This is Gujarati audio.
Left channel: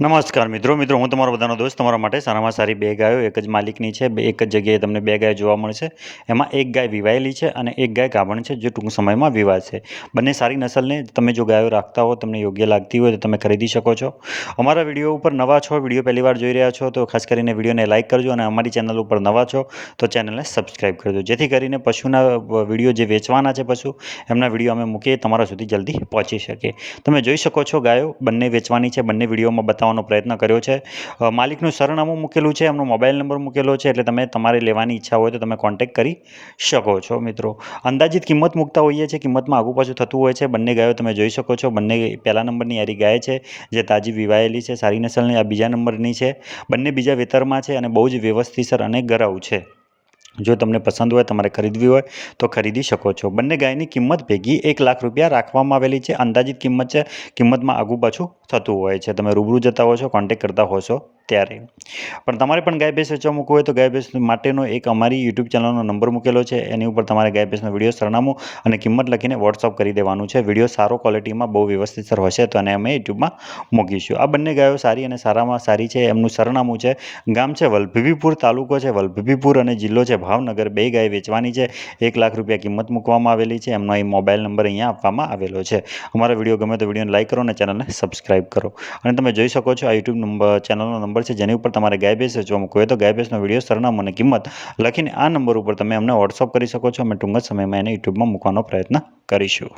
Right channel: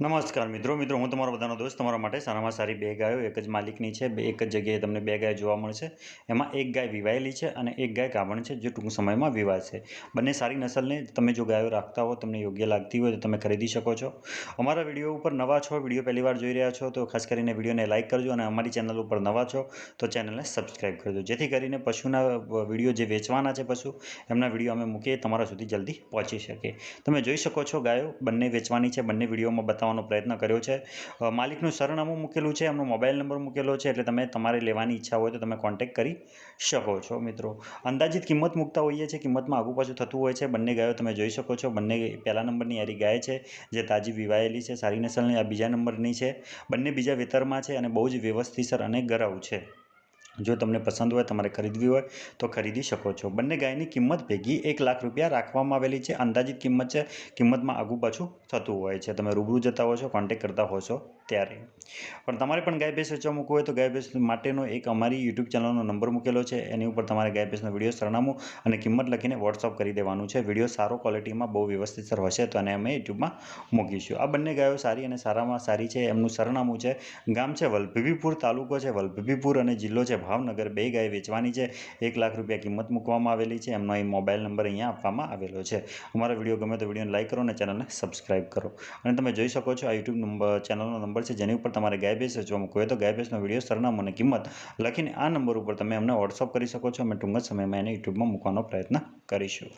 નમસ્કાર મિત્રો હું તમારો બધાનો દોસ્ત તમારા માટે સારામાં સારી બે ગાયો એક જ માલિકની છે એક જ જગ્યાએ તમને બે ગાય જોવા મળશે. એમાં એક ગાય વિવાયેલી છે અને એક ગાય ગાભણ છે જે ટૂંક સમયમાં વિવાશે. બંને સારી નસલને તમે જો ગાયો રાખતા હો તમને યોગ્ય લાગતી હોય તો તમે ખરીદી શકો છો. અમારા વિડીયો ઉપર નવા છો, વિડીયો પહેલી વાર જોઈ રહ્યા છો તો ખાસ કરીને વિડીયોને લાઇક કરજો અને અમારી ચેનલ ઉપર નવા છો તો ચેનલને સબસ્ક્રાઈબ કરજો, જેથી કરીને પશુના વિડીયો જે વેચવાના છે પશુ એમના વિડીયો અમે મૂકીએ તમારા સુધી જલ્દી પહોંચી શકે. તમે જોઈ શકો છો ગાયો બંને વેચવાની છે, બંને વિડીયોમાં બતાવવાનો પ્રયત્ન કર્યો છે. માલિકનું સરનામું મૂકેલું છે, એમનો મોબાઈલ નંબર મૂકેલો છે, એટલે તમે તમારે લેવાની ઈચ્છા હોય તો તમે કોન્ટેક્ટ કરી શકો છો. મિત્રો અંદાજિત કિંમત મૂકતા હોઈએ છીએ, કિંમતમાં આગુ પાછું થતું હોય છે. બંને ગાયો તમે જોઈ શકો છો, બંને પહેલા નંબરની યારી ગાય છે જે તાજી વિવાયેલી છે, સારી નસલની. આ બીજા નંબરની છે, બંને બીજા વેતરમાં છે અને બહુ જ વ્યવસ્થિતસર અને ગરાઉ છે. જો તમને પસંદ હોય તમારે ખરીદવી હોય તો ખરીદી શકો છો. બંને ગાયની કિંમત ભેગી ₹1,00,000 રાખવામાં આવેલી છે. અંદાજિત કિંમત છે, કિંમતમાં આગુ પાછું થતું હોય છે. તમે રૂબરૂ જતા હો છો, કોન્ટેક્ટ કરતા હોશો ત્યારે. પણ તમારે પણ ગાય ભેંસ વેચવા મૂકવું હોય તો ગાય ભેંસ માટેનો એક અમારી યુટ્યુબ ચેનલનો નંબર મૂકેલો છે, એની ઉપર તમારે ગાય ભેંસનો વિડીયો, સરનામું અને કિંમત લખીને વોટ્સઅપ કરી દેવાનું છે. વિડીયો સારો ક્વોલિટીમાં બહુ વ્યવસ્થિતસર હશે તો એને અમે યુટ્યુબમાં મૂકીશું. આ બંને ગાયો સારી અને સારામાં સારી છે. એમનું સરનામું છે, ગામ છે વલભીપુર, તાલુકો છે વલભીપુર અને જિલ્લો છે ભાવનગર. બે ગાય વેચવાની છે, ₹1,00,000 કિંમત મૂકવામાં આવેલી છે. એમનો અહીં મોબાઈલ નંબર અહીંયા આપવામાં આવેલો છે. અમારો વિડીયો ગમે તો વિડીયોને લાઇક કરો અને ચેનલને સબસ્ક્રાઈબ કરો. અને તમે જોઈ શકો છો આ યુટ્યુબ ચેનલનો નંબર છે જેની ઉપર તમારે ગાય ભેંસ વેચવા મૂકવું હોય તો ગાય ભેંસનો વિડીયો, સરનામું અને કિંમત લખીને આ નંબર ઉપર તમે અમને વોટ્સઅપ કરી શકો છો. અમે ટૂંક જ સમયમાં એને યુટ્યુબમાં મૂકવાનો પ્રયત્ન કરીશું.